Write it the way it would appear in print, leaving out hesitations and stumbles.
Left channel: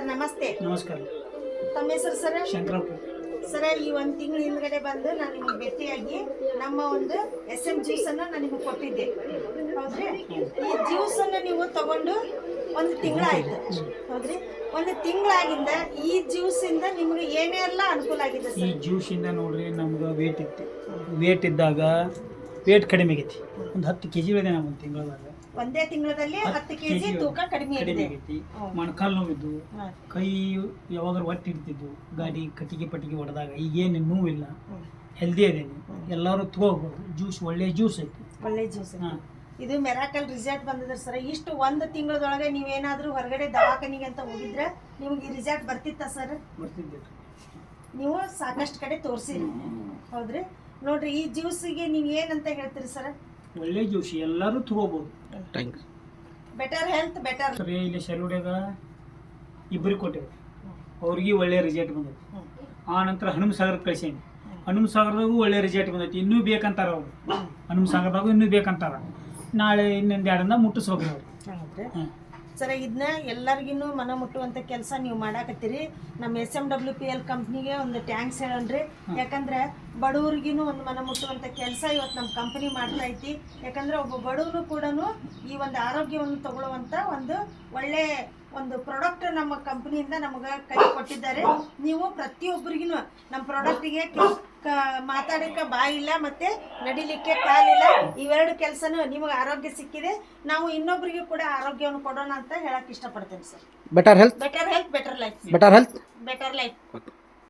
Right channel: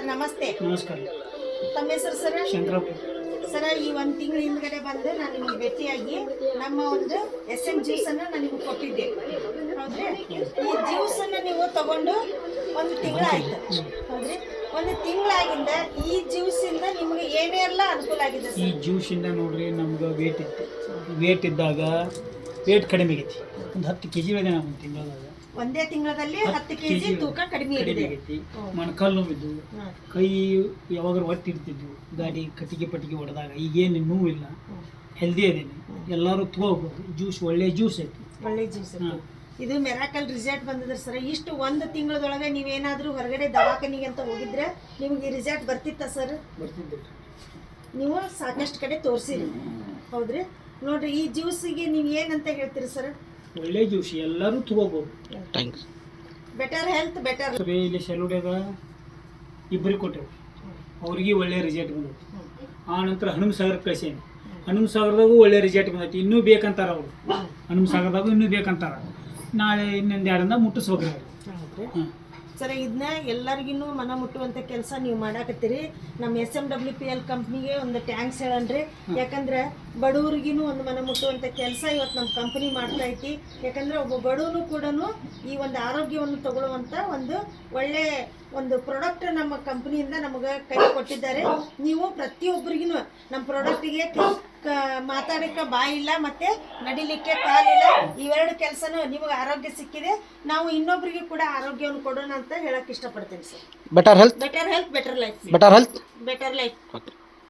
Sir ನಮಸ್ತೆ. ನಮಸ್ಕಾರ. ತಮ್ಮ ಹೆಸರು ಸರ್? ಶಂಕರಪ್ಪ. ಸರ್, ಈ ಒಂದು ತಿಂಗಳ ಹಿಂದ್ಗಡೆ ಬಂದು ನಾನು ನಿಮಗೆ ಭೇಟಿಯಾಗಿ ನಮ್ಮ ಒಂದು SM ಜ್ಯೂಸನ್ನು ನಾನು ನಿಮಗೆ ಕೊಟ್ಟಿದ್ದೆ, ಹೌದ್ರಿ? ಈ ಜ್ಯೂಸನ್ನು ನೀವು ತಗೊಂಡು ಒಂದು ತಿಂಗಳಾಯ್ತು, ಹೌದ್ರಿ? ಒಂದು ತಿಂಗಳಾಗಿಂದ ಈ ಜ್ಯೂಸಿಂದ ನಿಮಗೆ ಏನೆಲ್ಲ ಅನುಕೂಲ ಆಗಿದೆ ಈ ಸರ್? ಜ್ಯೂಸಿಂದ ನೋಡ್ರಿ ನಮ್ಗೆ ವೇಟ್ ಇತ್ತು. ವೇಟ್ ಇದ್ದಾಗ ವೇಟ್ ಕಡಿಮೆ ಆಗೈತಿ. ಒಂದು 10 kg ಬೇಗ ನಾವು ಒಂದು ತಿಂಗಳದಾಗ ಒಂದೇ ತಿಂಗಳಲ್ಲಿ 10 kg ತೂಕ ಕಡಿಮೆ ಆಗೈತಿ. ಮೊಣಕಾಲು ನೋವಿದ್ದು, ಕೈ ಯಾವಾಗ ಒಟ್ಟು ಇಡ್ತಿದ್ದು, ಗಾಡಿ ಕಟ್ಟಿಗೆ ಹೊಡೆದಾಗ ಈಗೇನು ನೋವಿಲ್ಲ, ಹೆಲ್ದಿ ಅದೇನಿ. ಎಲ್ಲರೂ ತಗೋಬೋದು. ಜ್ಯೂಸ್ ಒಳ್ಳೆ ಜ್ಯೂಸ್ ಐತಿ, ಒಳ್ಳೆ ಜ್ಯೂಸ್. ಇದು ಮೆರಾಕಲ್ ರಿಸಲ್ಟ್ ಬಂದಿದ್ರೆ ಸರ್. ಇಷ್ಟು ಒಂದು ತಿಂಗಳದೊಳಗೆ ನೀವೇನಾದರೂ ಹೊರಗಡೆ ದವಾಖಾನಿಗೆ ಅಂತ ಹೋಗಿದ್ರೆ ನಿಮಗೆ ರಿಸಲ್ಟ್ ಬರ್ತಿತ್ತ ಸರ್? ಬರ್ತಿದ್ದೆ. ನೀವು ಸಾಕಷ್ಟು ಕಡೆ ತೋರಿಸಿರಿ, ಹೌದ್ರಿ? ನೋಡ್ರಿ, ಈ ಜ್ಯೂಸಿಗೆ ನೀವು ಏನಂತ ಹೇಳ್ತೀರಿ ಸರ್? ಒಳ್ಳೆ ಜ್ಯೂಸ್, ಎಲ್ಲರೂ ತಗೋಬೋದು. Better health better. ಸರಿ, ಇಲ್ಲಿ ಸೆಲುಡ್ಯಾಗ ಇಬ್ಬರಿಗೆ ಕೊಟ್ಟೆವು, ಅವ್ರಿಗೆ ಒಳ್ಳೆ ರಿಸಲ್ಟ್ ಬಂದೈತಿ. ಆ ನಂತರ ಹನುಮಸಾಗರಕ್ಕೆ ಕಳ್ಸೇನಿ. ಹನುಮಸಾಗರದಾಗೂ ಒಳ್ಳೆ ರಿಸಲ್ಟ್ ಬಂದೈತಿ. ಇನ್ನೂ ಬೇಕಂತಾರ ಅವರು. ಹನುಮಸಾಗರದಾಗೂ ಇನ್ನೂ ಬೇಕಂತಾರ. ನಾಳೆ ಇನ್ನೊಂದು 2 ದಿನ ಮುಟ್ಟಿಸ್ಬೇಕು ನಾವು. ಸರ್, ಇದನ್ನ ಎಲ್ಲರಿಗೂ ಮನ ಮುಟ್ಟುವಂಥ ಕೆಲಸ ನೀವು ಮಾಡಾಕತ್ತೀರಿ. ನಮ್ಮ SMWPL ಕಂಪ್ನಿಗೆ ಒಂದು ಟ್ಯಾಂಕ್ಸ್ ಹೇಳನ್ರಿ. ಯಾಕಂದ್ರೆ ಬಡವ್ರಿಗೂ ಒಂದು ಮನ ಮುಟ್ಟುವಂಥ ಕೆಲಸ ಇವತ್ತು ನಮ್ಮ ಕಂಪ್ನಿ ಮಾಡ್ತಾ ಐತಿ. ಯಾಕಂದ್ರೆ ಒಬ್ಬ ಬಡವರು ಕೂಡ ಈ ಒಂದು ಆರೋಗ್ಯವನ್ನು ತಗೊಳ್ಳುವಂಥ ಒಂದು ಒಳ್ಳೆ ಒಂದು ಪ್ರಾಡಕ್ಟ್ ನಮ್ಮ ಕಂಪ್ನಿಯಿಂದ ನಮಗೆ ಕೈ ಕೊಟ್ಟಿದ್ದಾರೆ. ನೀವು ಪ್ರತಿಯೊಬ್ಬರಿಗೂ ನಮ್ಮ ಪ್ರಾಡಕ್ಟಿಗೆ ಮಾತಾಡೋಕ್ಕೆ ಬಾಯಿಲ್ಲ ಮತ್ತು ನಡಿಲಿಕ್ಕೆ ಕಾಲಿಲ್ಲ. ಇವೆರಡು ಕೆಲಸನೂ ನಿಮಗೆ ಆರೋಗ್ಯ ಸಿಕ್ಕಿದೆ. ನಾವು ಇನ್ನೊಬ್ಬರಿಗೂ ಕೂಡ ಆರೋಗ್ಯವನ್ನು ಕೊಡೋಣ ಅಂತ ಹೇಳಕ್ಕೆ ಇಷ್ಟಪಡ್ತೀನಿ sir. Better health better health better life. Better health better life.